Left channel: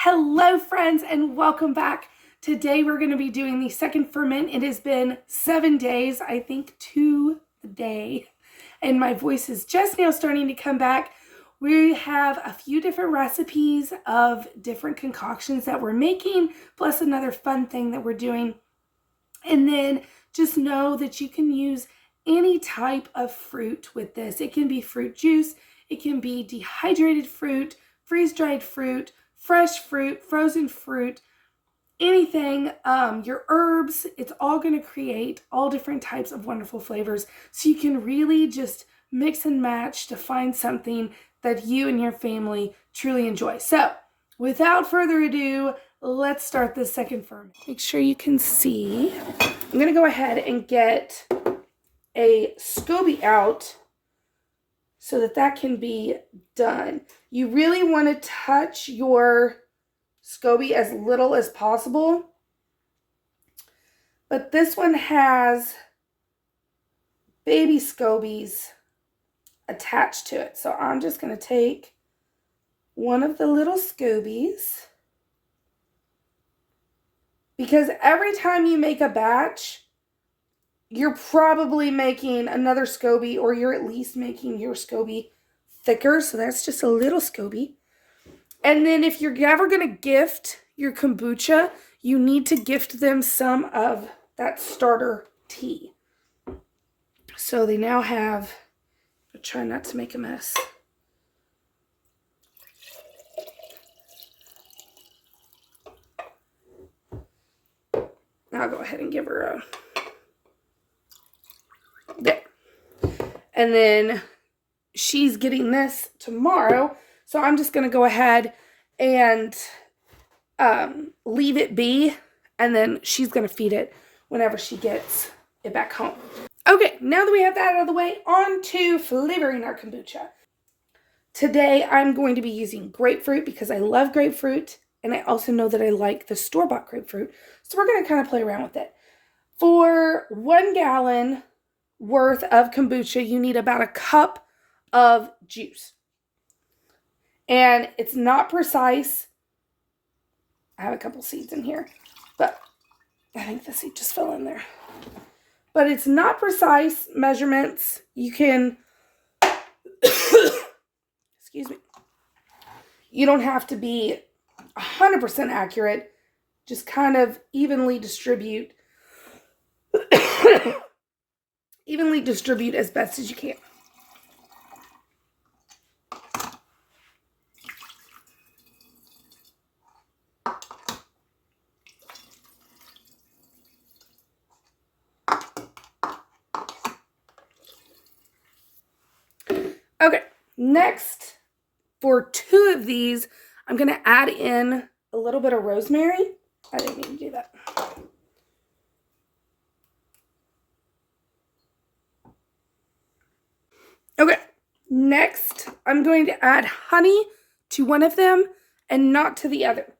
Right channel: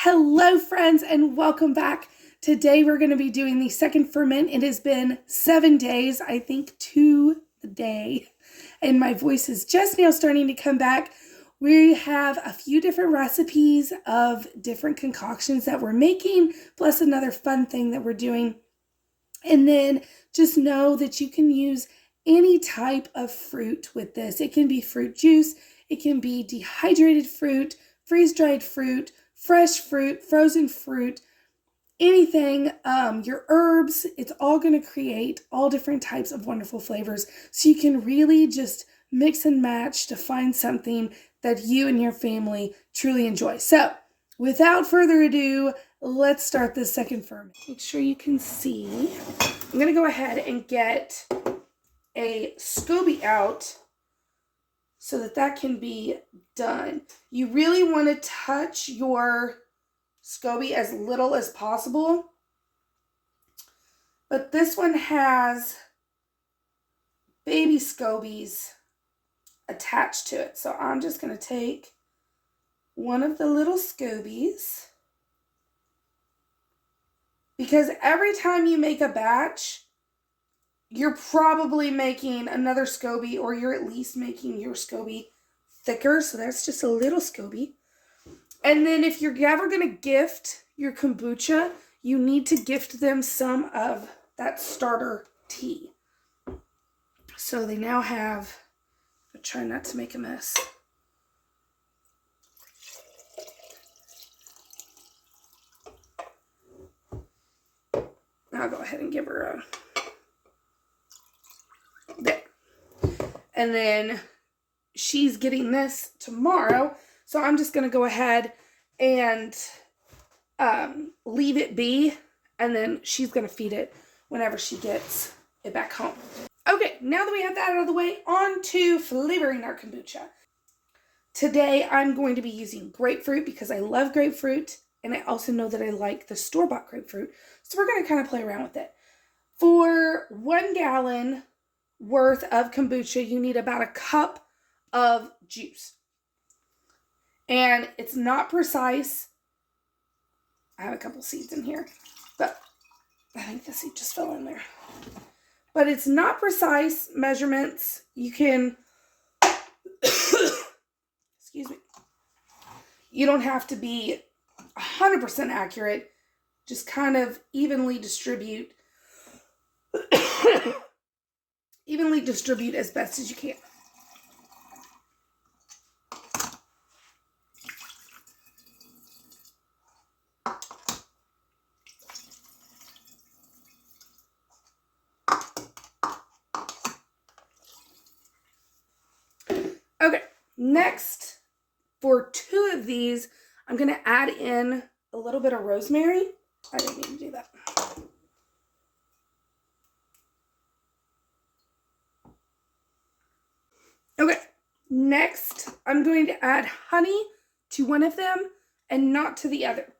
Hello friends and welcome back. Today we're going to be doing the second ferment. It has been 7 days, I think, to the day, and my voice is just now starting to come back. We have a few different recipes of different concoctions that we're making, plus another fun thing that we're doing. And then just know that you can use any type of fruit with this. It can be fruit juice, it can be dehydrated fruit, freeze-dried fruit, fresh fruit, frozen fruit, anything, your herbs. It's all going to create all different types of wonderful flavors. So you can really just mix and match to find something that you and your family truly enjoy. So without further ado, let's start this second ferment. Make sure you can see. I'm going to go ahead and get a SCOBY out so that can be done. You really want to touch your SCOBY as little as possible. But this one has baby SCOBYs attached to it. So I'm just going to take one of the little SCOBYs, because every time you make a batch, you're probably making another SCOBY, or you're at least making your SCOBY thicker. So that's just a little SCOBY. And then if you're ever going to gift your kombucha, you need to gift them some of that starter tea. So they now have, I'll try not to make a mess. I'll go ahead and give her a, there. And then she's getting this tomorrow. So I'm just going to go ahead and leave it be. And then she's going to feed it whenever she gets it back home. Okay, now that we have that out of the way, on to flavoring our kombucha. Today I'm going to be using grapefruit because I love grapefruit. And I also know that I like the store-bought grapefruit. So we're going to kind of play around with it. For 1 gallon worth of kombucha, you need about a cup of juice. And it's not precise. I have a couple seeds in here, but I think the seed just fell in there. But it's not precise measurements. You can, excuse me, you don't have to be 100% accurate. Just kind of evenly distribute, evenly distribute as best as you can. Okay, next, for 2 of these, I'm going to add in a little bit of rosemary. I didn't mean to do that. Okay, next, I'm going to add honey to one of them and not to the other.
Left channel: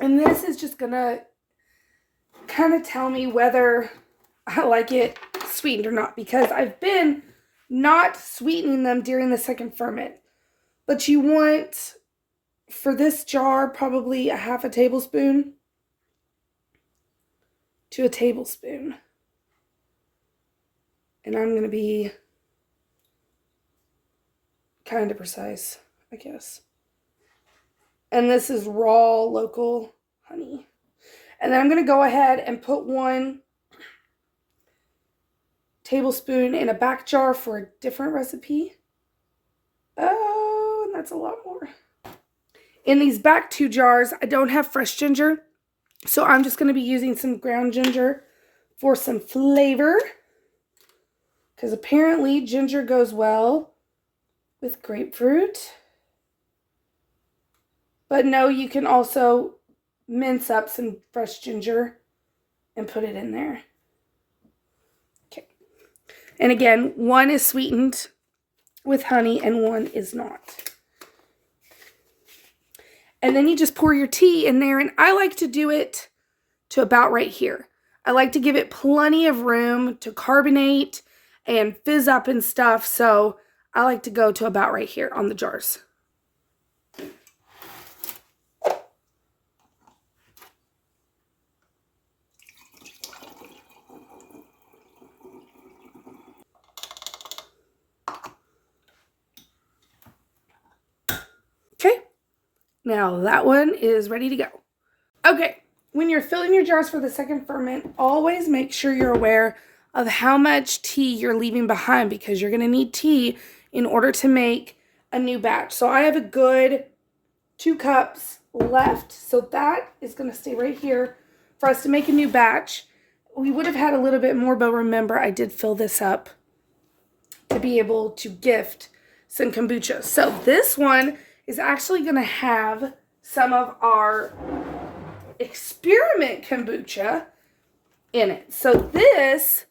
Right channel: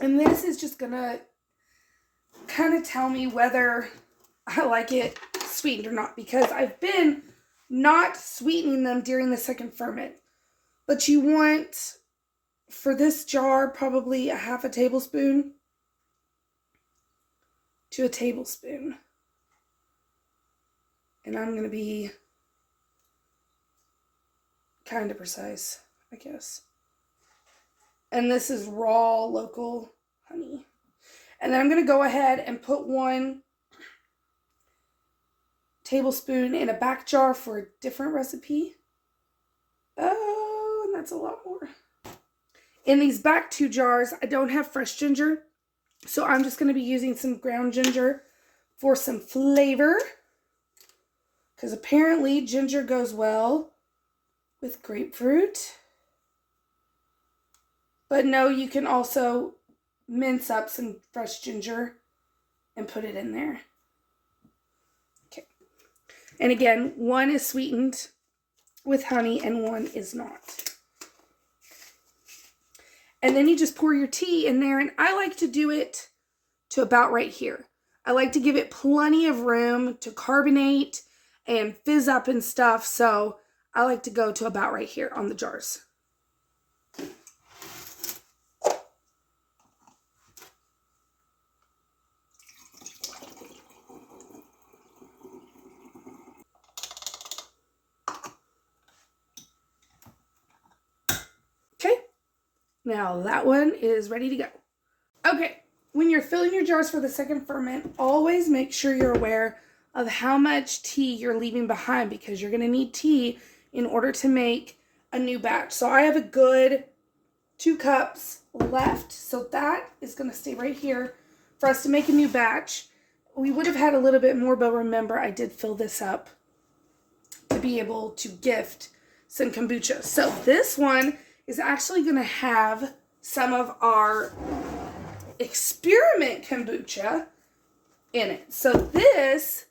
And this is just going to kind of tell me whether I like it sweetened or not, because I've been not sweetening them during the second ferment. But you want, for this jar, probably a half a tablespoon to a tablespoon. And I'm going to be kind of precise, I guess. And this is raw local honey. And then I'm going to go ahead and put 1 tablespoon in a back jar for a different recipe. Oh, that's a lot more. In these back 2 jars, I don't have fresh ginger, so I'm just going to be using some ground ginger for some flavor, because apparently ginger goes well with grapefruit. But no, you can also mince up some fresh ginger and put it in there. Okay. And again, 1 is sweetened with honey and 1 is not. And then you just pour your tea in there, and I like to do it to about right here. I like to give it plenty of room to carbonate and fizz up and stuff, so I like to go to about right here on the jars. Now that one is ready to go. Okay, when you're filling your jars for the second ferment, always make sure you're aware of how much tea you're leaving behind, because you're going to need tea in order to make a new batch. So I have a good 2 cups left. So that is going to stay right here for us to make a new batch. We would have had a little bit more, but remember, I did fill this up to be able to gift some kombucha. So this one is actually going to have some of our experiment kombucha in it. So this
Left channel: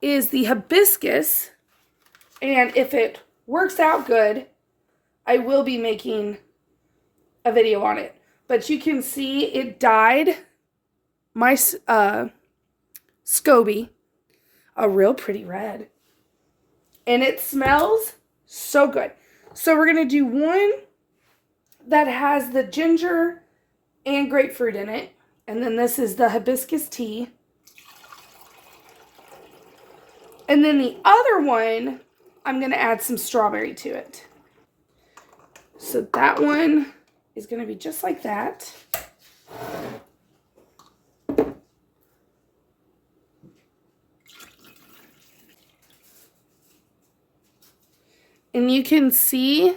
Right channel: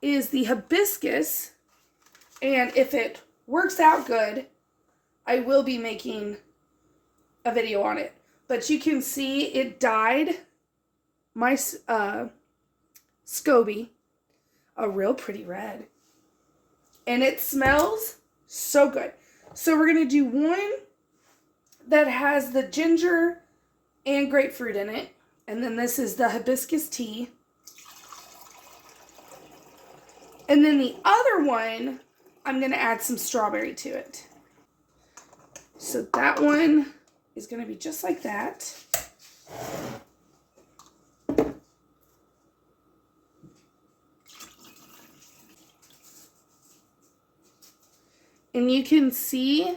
is the hibiscus, and if it works out good, I will be making a video on it. But you can see it dyed my SCOBY a real pretty red. And it smells so good. So we're going to do one that has the ginger and grapefruit in it. And then this is the hibiscus tea. And then the other one, I'm going to add some strawberry to it. So that one is going to be just like that. And you can see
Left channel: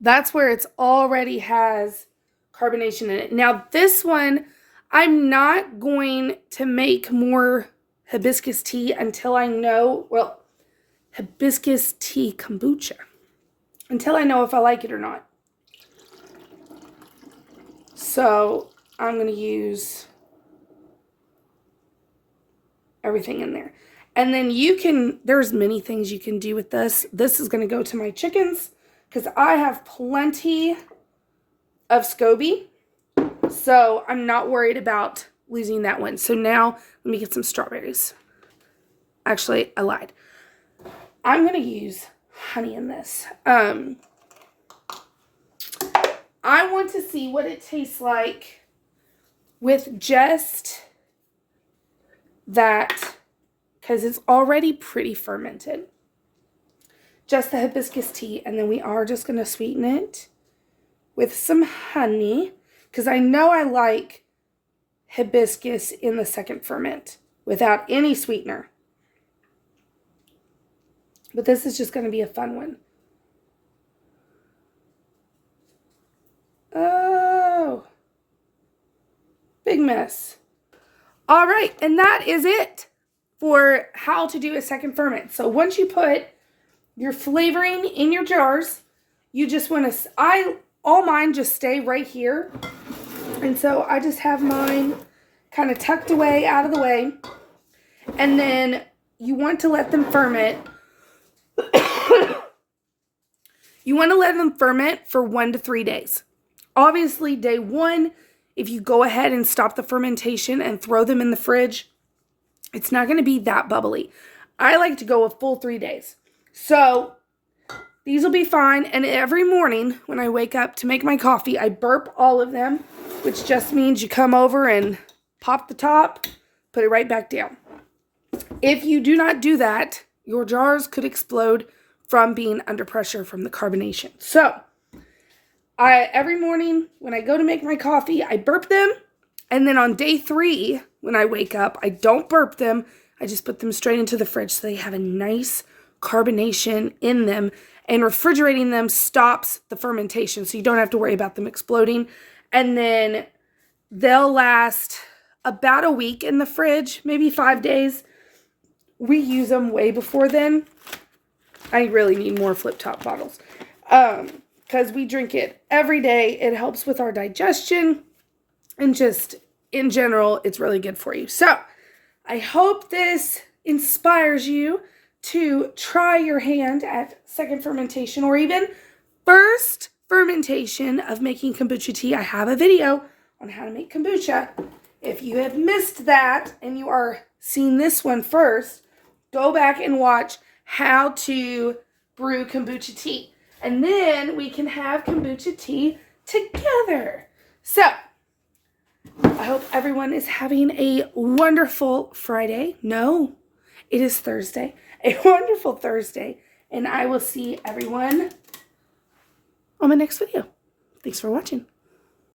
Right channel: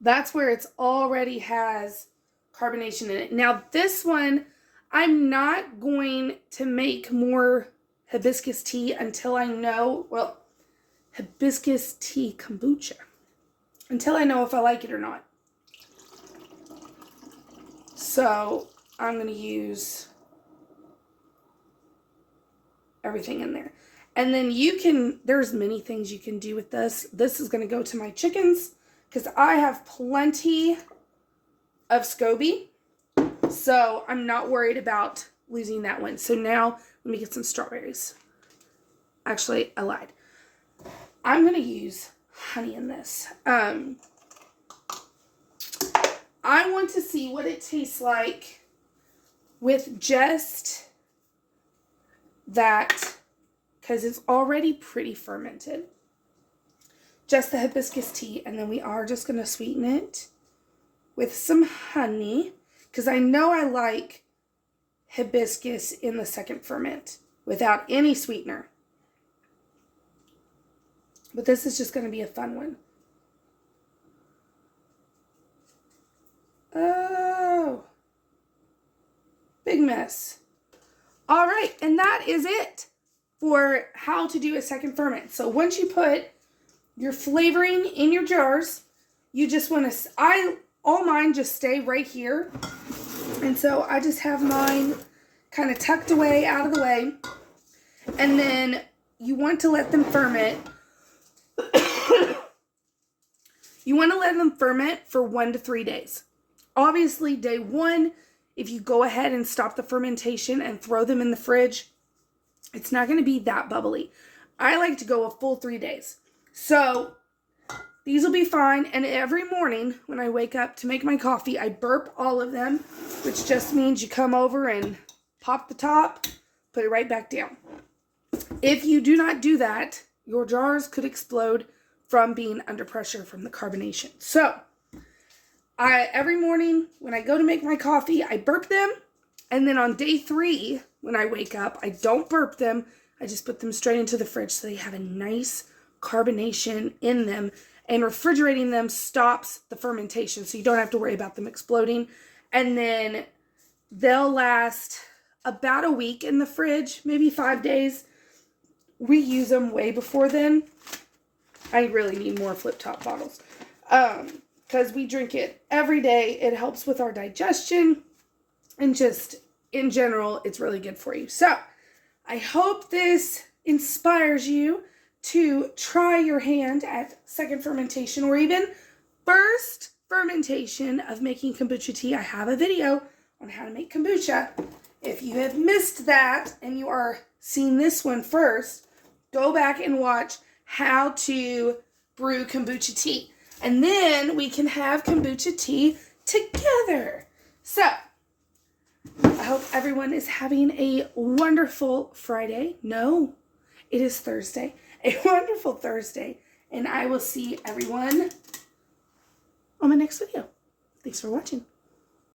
that's where it's already has carbonation in it. Now this one, I'm not going to make more hibiscus tea until I know, well, hibiscus tea kombucha, until I know if I like it or not. So I'm going to use everything in there. And then you can, there's many things you can do with this. This is going to go to my chickens because I have plenty of SCOBY. So I'm not worried about losing that one. So now let me get some strawberries. Actually, I lied. I'm going to use honey in this. I want to see what it tastes like with just that, because it's already pretty fermented. Just the hibiscus tea, and then we are just going to sweeten it with some honey, because I know I like hibiscus in the second ferment without any sweetener. But this is just going to be a fun one. Oh, big mess. All right, and that is it for how to do a second ferment. So once you put your flavoring in your jars, you just want to, all mine just stay right here. And so I just have mine kind of tucked away out of the way. And then you want to let them ferment. You want to let them ferment for 1 to 3 days. Obviously, day 1, if you go ahead and stop the fermentation and throw them in the fridge, it's not going to be that bubbly. I like to go a full 3 days. So these will be fine. And every morning when I wake up to make my coffee, I burp all of them, which just means you come over and pop the top, put it right back down. If you do not do that, your jars could explode from being under pressure from the carbonation. So every morning when I go to make my coffee, I burp them. And then on day 3, when I wake up, I don't burp them. I just put them straight into the fridge so they have a nice carbonation in them. And refrigerating them stops the fermentation, so you don't have to worry about them exploding. And then they'll last about a week in the fridge, maybe 5 days. We use them way before then. I really need more flip-top bottles because we drink it every day. It helps with our digestion and just in general, it's really good for you. So I hope this inspires you to try your hand at second fermentation or even first fermentation of making kombucha tea. I have a video on how to make kombucha. If you have missed that and you are seeing this one first, go back and watch how to brew kombucha tea. And then we can have kombucha tea together. So I hope everyone is having a wonderful Friday. No, it is Thursday. A wonderful Thursday. And I will see everyone on my next video. Thanks for watching.